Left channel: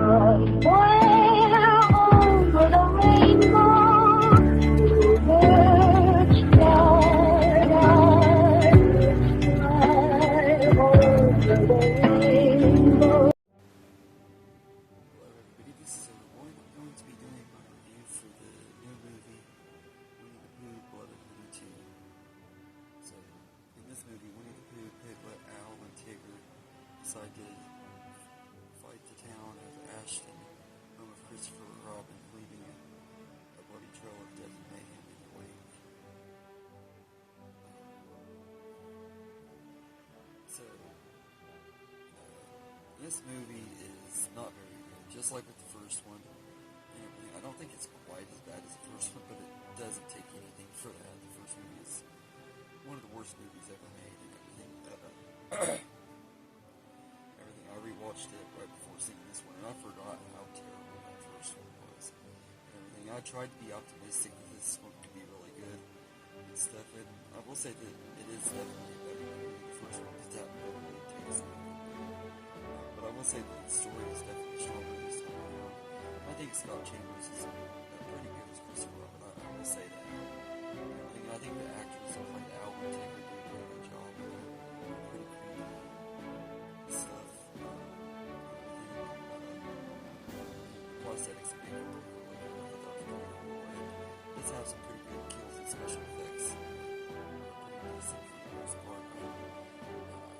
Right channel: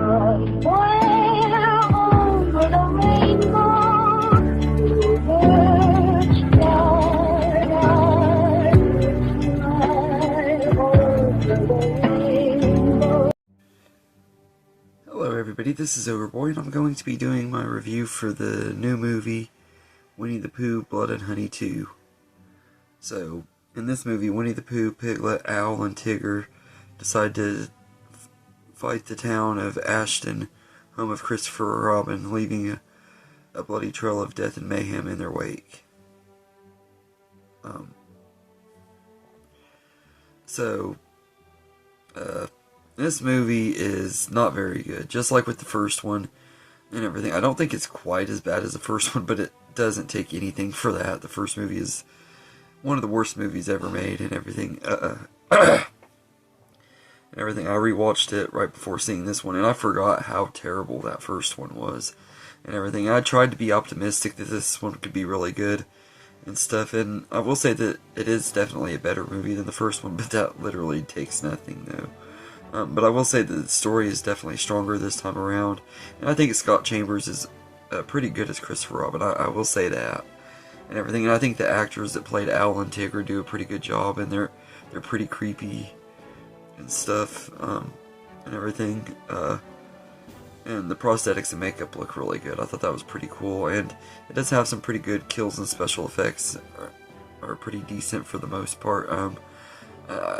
Somewhere over the rainbow, birds fly over the rainbow. Hello everybody, this is Overboy, and I'm going to be doing my review for the new movie, Winnie the Pooh, Blood and Honey 2. So, in this movie, Winnie the Pooh, Piglet, Owl, and Tigger decide to fight the town of Ashton, home of Christopher Robin, leaving a bloody trail of death and mayhem in their wake. This movie is not very good, just like with the first one and everything. I don't think it's quite as bad as the first one, but it doesn't take anything for that. The first movie is one of the worst movies ever made and everything. I rewatched it right before seeing this one, and I forgot how terrible that first one was and everything. I tried to be optimistic that this one could be really good and stuff, and I will say that it is definitely a better movie than the first one, but that literally takes nothing, though. But I will say that the story is definitely stronger this time around, and I think Scott Chambers is pretty good as Christopher Robin. I will say that and everything. And I think the actors that played Owl and Tigger do a pretty good job, and they're pretty creepy and stuff and everything. And the prosthetics and makeup look really good. I thought that was pretty cool, and it does have some pretty good kills, and special effects are pretty decent for the most part.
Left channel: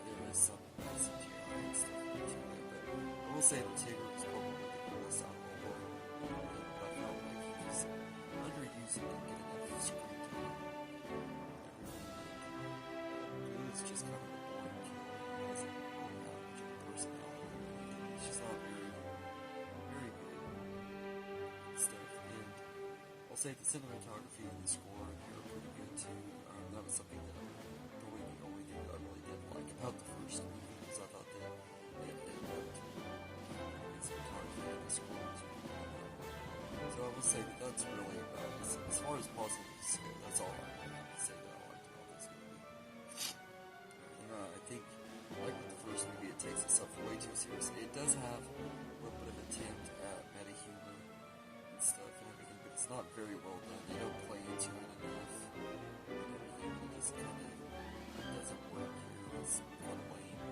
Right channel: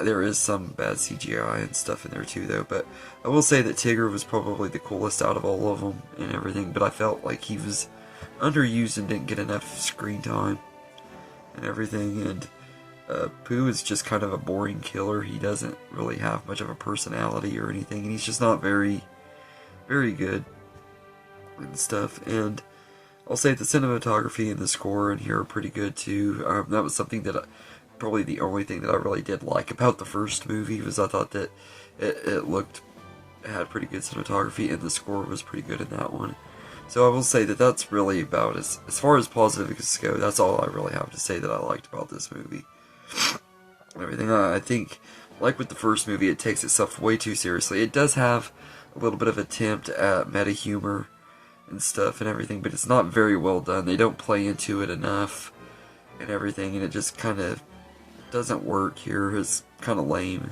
There is some bad CGI and stuff in there too, though, but I will say that Tigger was probably the coolest out of all of them and everything, but I felt like he was underused and didn't get enough screen time and everything, and Pooh is just kind of a boring killer. He doesn't really have much of a personality or anything, and he's just not very good and stuff. And I'll say the cinematography and the score in here are pretty good too. That was something that probably the only thing that I really did like about the first movie, was I thought that it had pretty good cinematography, and the score was pretty good in that one. So I will say that that's really about as far as positives go, that's all I really have to say that I liked about this movie. Everything, I think, like with the first movie, it takes itself way too seriously. It does have a little bit of attempt at meta humor and stuff and everything, but it's not very well done. They don't play into it enough and everything, and it just kind of doesn't work here. It's kind of lame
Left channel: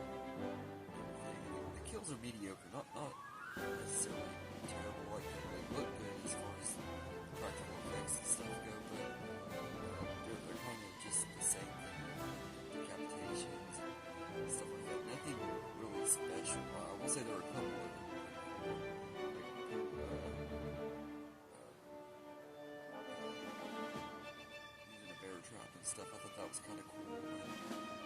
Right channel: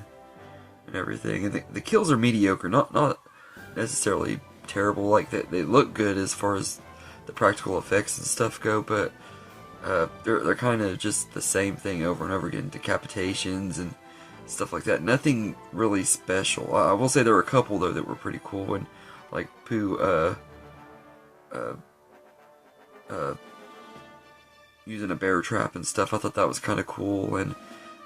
and everything, and the kills are mediocre, not necessarily terrible. Like they look good as far as the practical effects and stuff go, but they're kind of just the same thing over and over again. Decapitations and stuff like that. Nothing really special. I will say there were a couple though that were pretty cool, and like Pooh using a bear trap and stuff. I thought that was kind of cool, and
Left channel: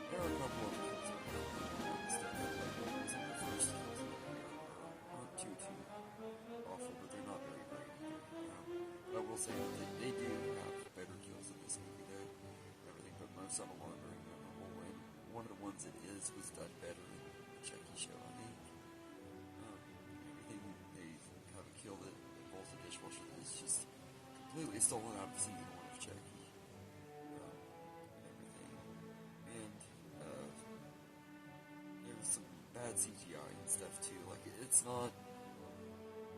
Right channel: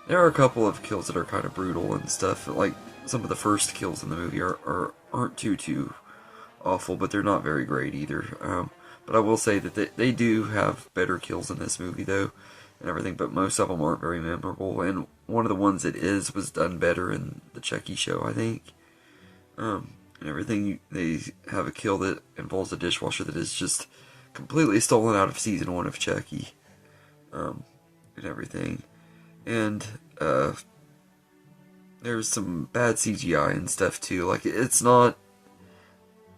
there are a couple of kills that are kind of brutal and stuff. Like some of the first kills in the movie aren't too awful, but they're not very great either. But I will say that they do have better kills in this movie though and everything, but most of them aren't very memorable, and one of the ones that was done better in the Chucky show, I think. And everything, they have a kill that involves a dishwasher that is just completely stolen out of season 1 of Chucky. And everything, and there's some bad CGI and stuff too. Like, it's not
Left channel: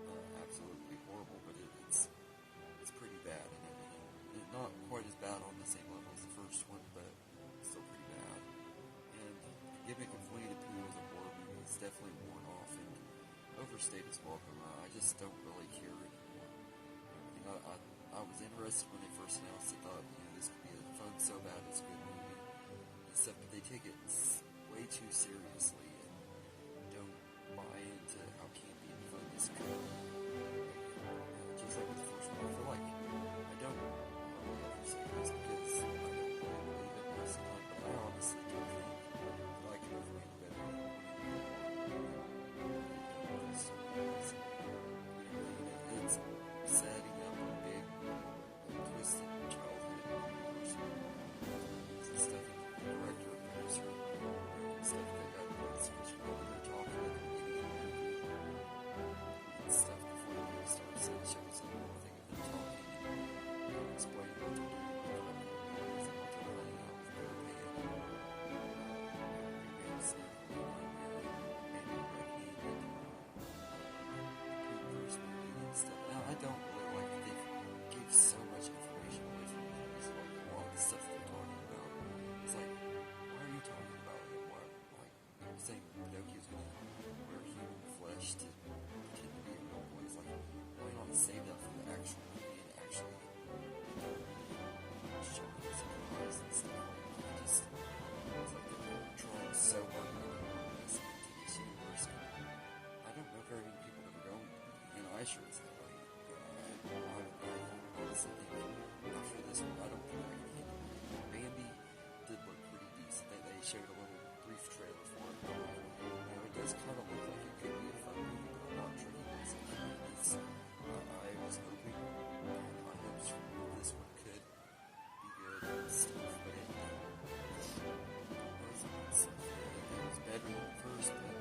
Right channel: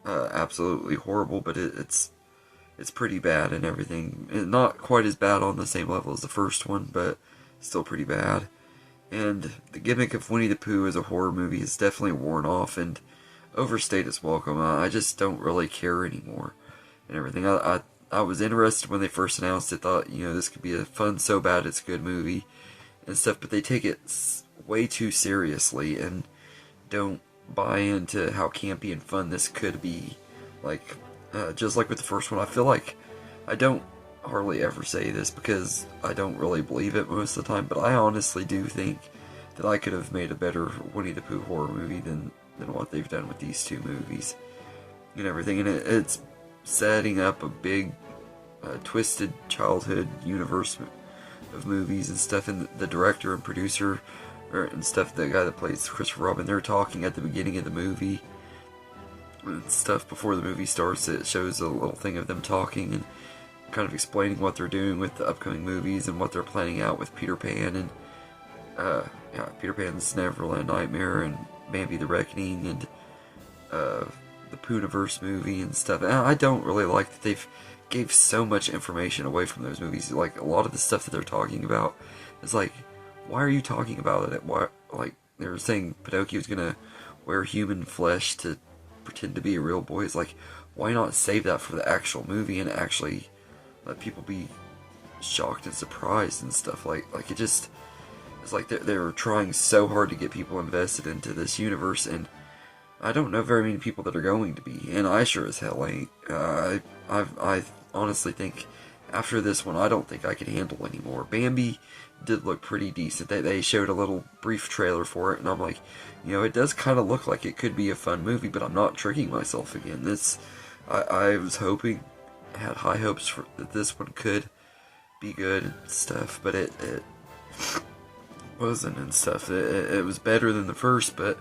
absolutely horrible, but it's pretty bad and everything. Not quite as bad on the same level as the first one, but still pretty bad. And the gimmick of Winnie the Pooh as a horror movie is definitely worn off and overstayed its welcome. I just don't really care anymore and everything. I was interested when they first announced it, thought, this could be a fun, so bad it's good movie and stuff, but they take it way too seriously and don't buy into how campy and fun this could be. Like, just like with the first one, I feel like I don't hardly ever say this because I don't really believe it most of the time, but I honestly do think that I could have made a better Winnie the Pooh horror movie than what they've done with these two movies and everything. And it's setting up a big twisted childhood universe of movies and stuff, and the director and producer and stuff, the guy that plays Christopher Robin, they're talking at the beginning of the movie and stuff. Before the movie starts, it shows a little thing of them talking and kind of explaining what they're doing with the upcoming movies and what they're planning out with Peter Pan and Peter Pan's Neverland Nightmare and Bambi the Reckoning and the Poohniverse movie and stuff. And I don't really like that they've gave so much information away from those movies. Like, a lot of the stuff that they're talking about is like, why are you talking about it? Why, like, they were saying Pinocchio's gonna wear human flesh to pretend to be a real boy. It's like, why not save that for the actual movie and actually let people be shocked and surprised and stuff? Like it just, it's like they're trying so hard to get people invested into this universe, and I don't know very many people that are going to be, and I sure as hell ain't. I honestly think after this one, I don't think I can handle anymore. Bambi did look pretty decent. They showed a little brief trailer for it, and I'm like, you know, it does kind of look like it could be a fun movie, but I'm not tricking myself again. I was hoping, had high hopes for that this one could be good and stuff, but it wasn't and stuff. It was better than the first, but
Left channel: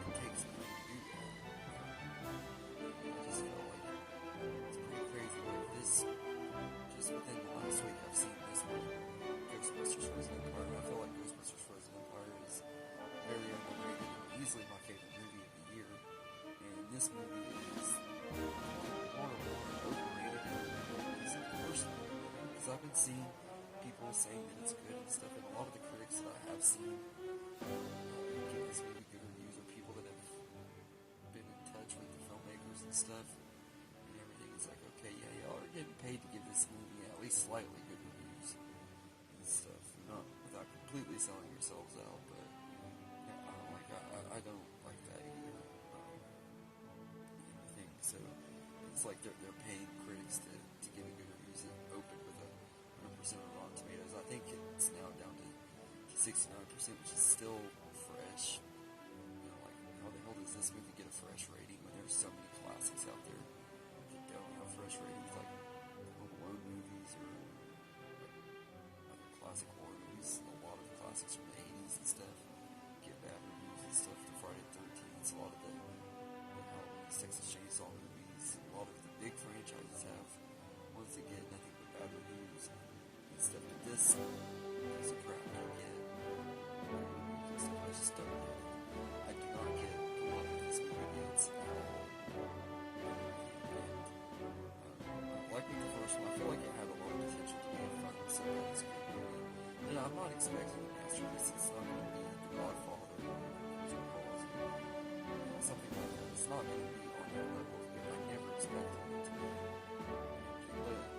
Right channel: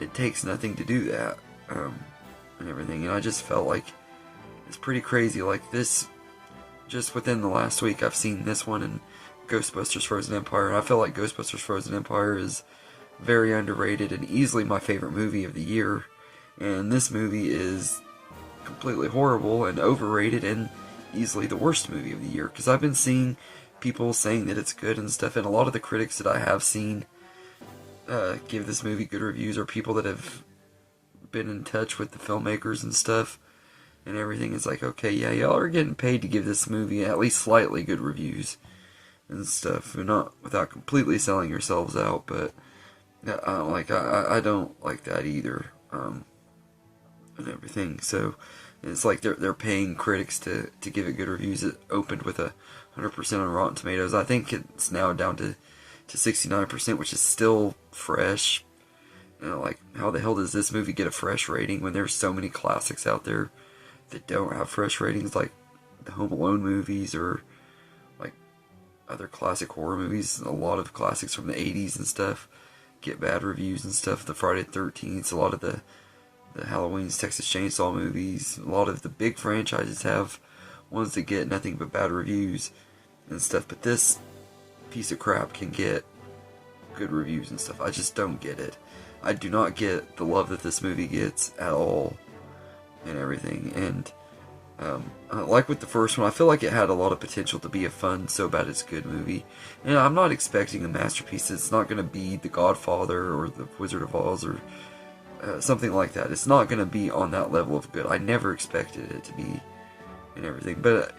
it takes nothing to do that, and everything. And I just felt like it's pretty crazy. Like this, just within the last week, I've seen this one and Ghostbusters Frozen Empire, and I feel like Ghostbusters Frozen Empire is very underrated and easily my favorite movie of the year. And this movie is completely horrible and overrated and easily the worst movie of the year, because I've been seeing people saying that it's good and stuff, and a lot of the critics that I have seen give this movie good reviews are people that have been in touch with the filmmakers and stuff and everything. It's like, okay, yeah, y'all are getting paid to give this movie at least slightly good reviews and stuff, and not without completely selling yourselves out. But I don't like that either, and everything. So it's like they're paying critics to give it good reviews. It opened with 100% on Rotten Tomatoes. I think it's now down to 69%, which is still fresh. You know, like, how the hell does this movie get a fresh rating when there's so many classics out there that don't have fresh ratings, like the Home Alone movies or like other classic horror movies? A lot of classics from the 80s and stuff get bad reviews and stuff. The Friday the 13th, a lot of the Halloween's, Texas Chainsaw movies, a lot of the big franchises have ones that get nothing but bad reviews and stuff. But this piece of crap can get good reviews and stuff. I just don't get it. I do not get the love that this movie gets at all and everything. And like with the first one, I feel like it had a lot of potential to be a fun, so bad it's good movie. And I'm not expecting a masterpiece. It's not going to be The Godfather or The Wizard of Oz or something like that. It's not going to be on that level of good. I never expected it to be and everything. But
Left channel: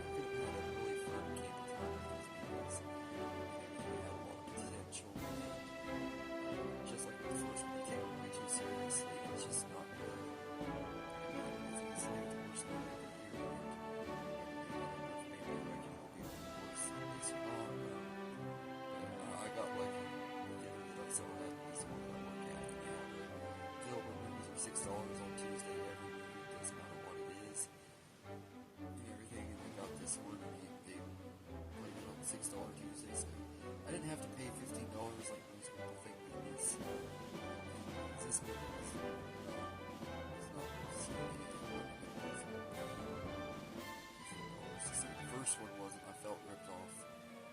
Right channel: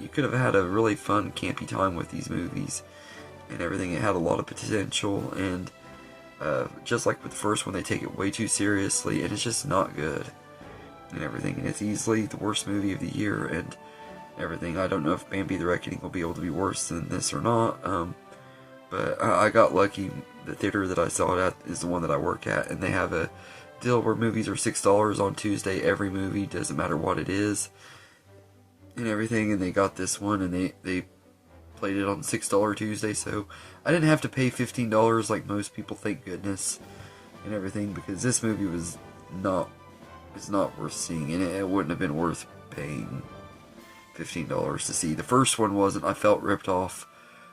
you could have had a really fun, campy time with these movies and everything. It had a lot of potential, and just like with the first one, they take it way too seriously, and it's just not good and everything. And it's easily the worst movie of the year and everything. I don't know if Bambi the Reckoning will be able to be worse than this or not, but I got lucky. The theater that I saw it at is the one that I work at, and they have a deal where movies are $6 on Tuesday. Every movie, doesn't matter what it is and everything. And they got this one, and they played it on $6 Tuesday, so I didn't have to pay $15 like most people, thank goodness, and everything, because this movie was not, it's not worth seeing, and it wouldn't have been worth paying $15 to see. The first one wasn't. I felt ripped off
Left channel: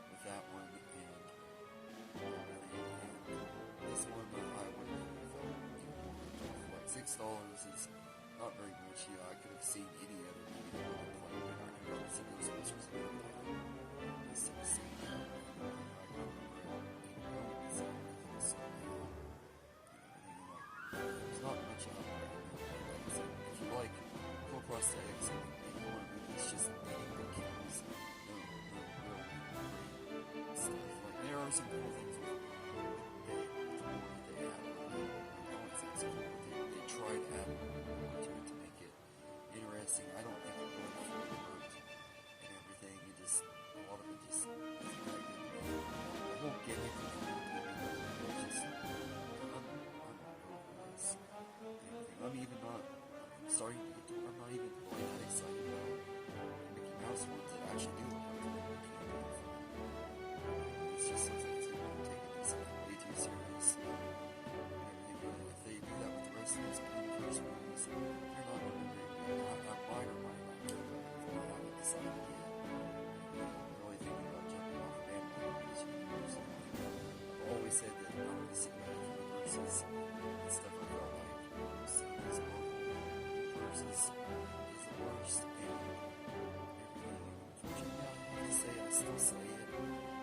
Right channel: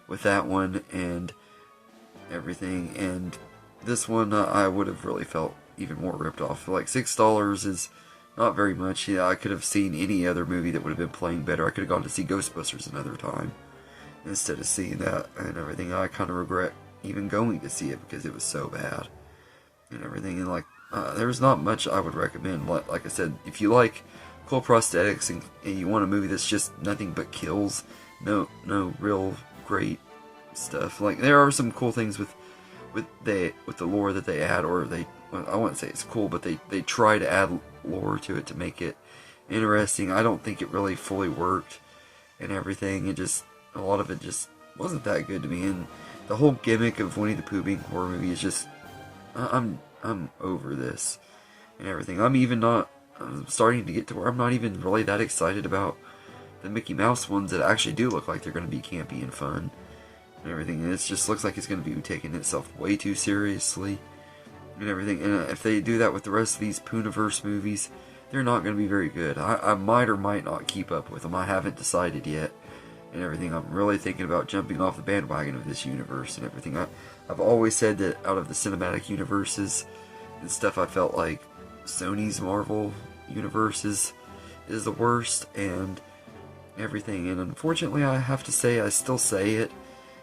with that one and everything, and this one I would have really felt even more ripped off. Like, $6 is not very much. Yeah, I could have seen any other movie that would have been playing better. I could have gone to see Ghostbusters another time instead of seeing that and everything. I kind of regret even going to see it because it was so bad and everything. And like, there's not much I would recommend. Like I said, if you like cool prosthetics and you want a movie that's just nothing but kills, no real great stuff. Like, there are some cool things with the lore that they add, or I wouldn't say it's cool, but they try to add lore to it to make it interesting. I don't think it really fully worked and everything. It just, a lot of it just wasn't that good to me, and the whole gimmick of Winnie the Pooh being a horror movie is just, I'm over this and everything. I'm starting to get to where I'm not even really that excited about the Mickey Mouse ones that actually do look like they're going to be campy and fun and everything. And it just looks like it's going to be taking itself way too seriously and everything. And if they do that with the rest of these Poohniverse movies, they're not going to be very good. I might or might not keep up with them. I haven't decided yet and everything. I'm really thinking about jumping off the bandwagon of this universe and everything. I've always said that out of the cinematic universes and stuff, I felt like Sony's Marvel universe is the worst and everything. And unfortunately, I have to say, I still say it,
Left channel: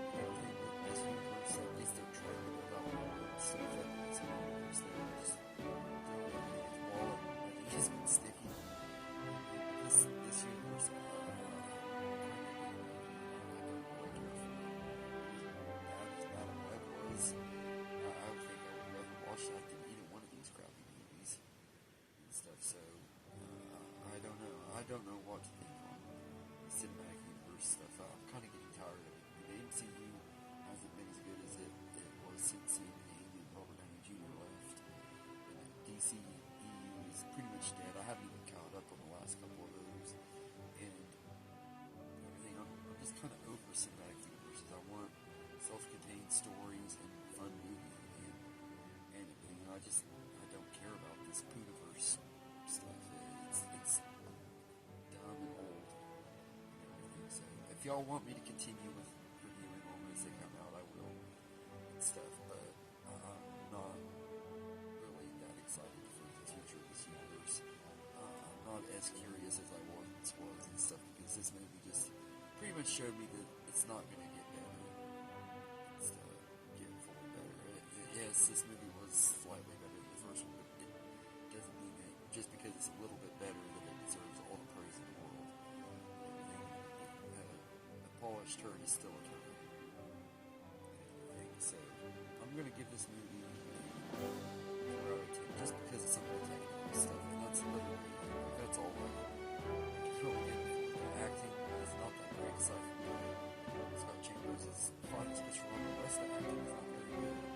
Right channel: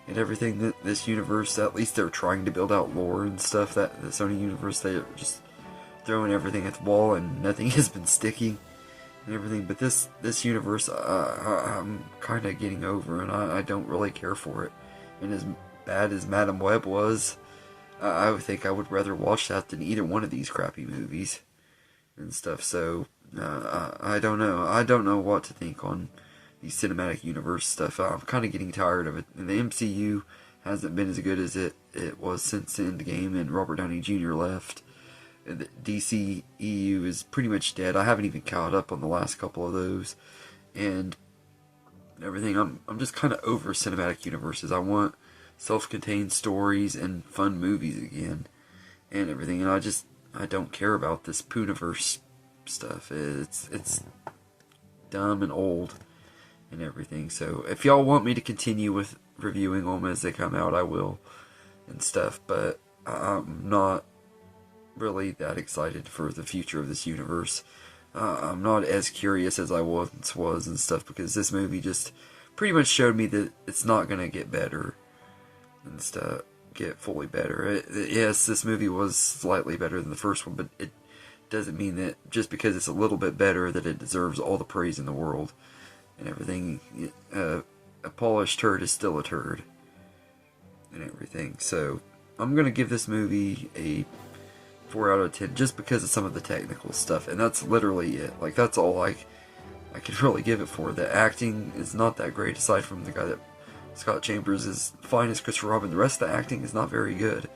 and everything, that this universe, at least they're trying to build out lore and stuff, that the Sony universe, they're just throwing everything at the wall and nothing has been sticking and everything. But this universe, I'm kind of getting over, and I don't really care for it. And as bad as Madam Web was, I would think I would rather watch that than either one of these crappy movies and stuff. So I don't know. I don't know what to think on the cinematic universe stuff. I'm kind of getting tired of it. And the MCU hasn't been as good as it was since Endgame and Robert Downey Jr. left. The DC EU is pretty much dead. I haven't even caught up on the last couple of those and everything. I'm just kind of over cinematic universes. I want self-contained stories and fun movies again and everything. And I don't care about this Pooniverse stuff. It's dumb and old and everything. So if y'all want me to continue with reviewing them as they come out, I will and stuff. But I'm not really that excited for the future of this universe. I'm not as curious as I once was and stuff, because this movie just pretty much showed me that it's not gonna get better and stuff, get fully better. Yes, this movie was slightly better than the first one, but it doesn't mean that just because it's a little bit better that it deserves all the praise in the world and everything. A polished turd is still a turd and everything. So I'm gonna give this movie a 4 out of 10 just because of some of the technical stuff, and that's literally it. Like, that's all I could really give it for. The acting is not that great, aside from the guy that Scott Chambers is fine as Christopher Robin. The rest of the acting is not very good.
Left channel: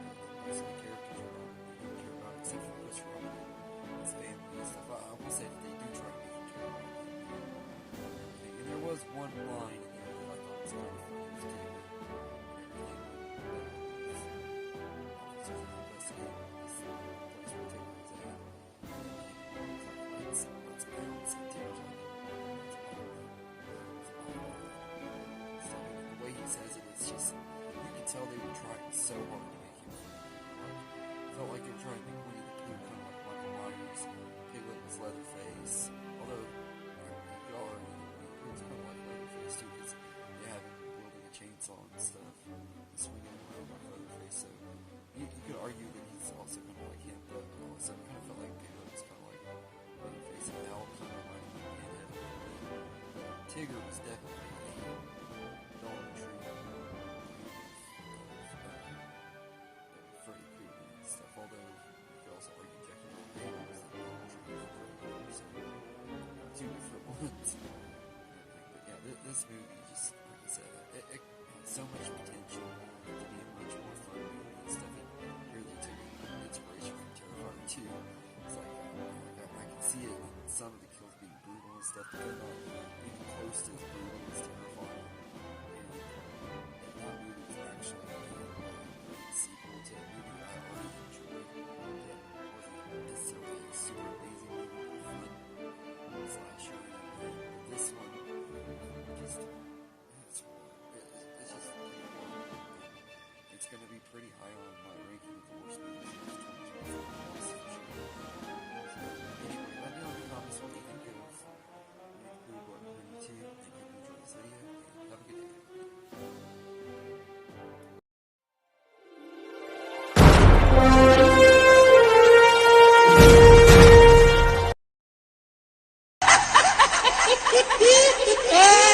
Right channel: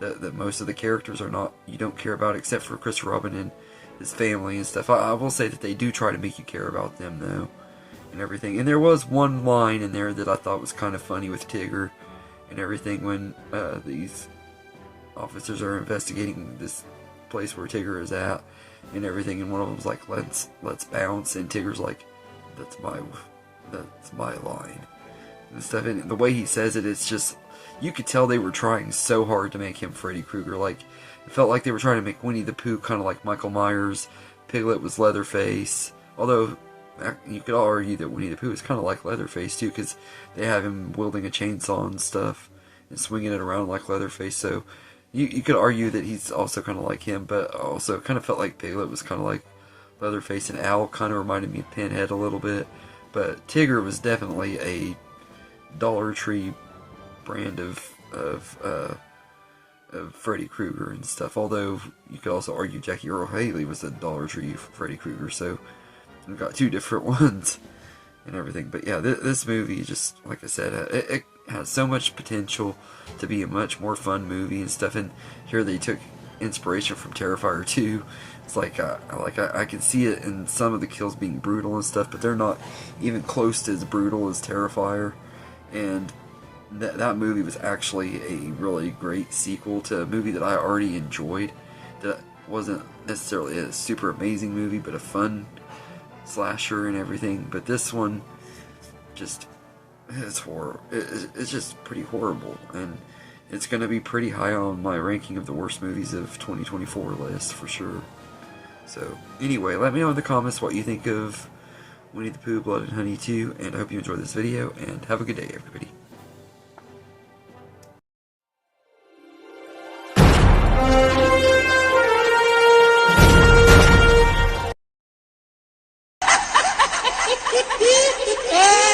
That most of the characters are not, you don't care about, except for Christopher Robin and his family and stuff. I will say that they do try to make you care about them though and everything. And there was one line in there that I thought was kind of funny with Tigger and everything, when these officers are investigating this place where Tigger is at and everything, and one of them's like, let's bounce, and Tigger's like, that's my line and stuff. And the way he says it, it's just, you could tell they were trying so hard to make him Freddy Krueger. Like, it felt like they were trying to make Winnie the Pooh kind of like Michael Myers. Piglet was Leatherface, although you could argue that Winnie the Pooh is kind of like Leatherface too, because they have him wielding a chainsaw and stuff and swinging it around like Leatherface. So you could argue that he's also kind of like him, but also kind of felt like Piglet was kind of like Leatherface, and Owl kind of reminded me of Pinhead a little bit. But Tigger was definitely a Dollar Tree brand of Freddy Krueger and stuff. Although you could also argue Jackie Earle Haley was a Dollar Tree Freddy Krueger, so we've got two different ones and everything. But yeah, this movie, just like I said, it has so much potential to be a much more fun movie and stuff. And here they took inspiration from Terrifier 2. It's like I can see it in some of the kills being brutal and stuff, but they're not even close to as brutal as Terrifier. And that movie was actually a really great sequel to a movie that I already enjoyed. That wasn't necessarily a super amazing movie, but a fun slasher and everything. But this one, just, it's horrible. It's just pretty horrible, and it's going to be pretty high on my ranking of the worst movies of 2024 list for sure. So anyway, let me know in the comments what you think of Winnie the Pooh, Blood and Honey 2, and I hope you enjoyed this video, and have a good day, everybody. Yeah.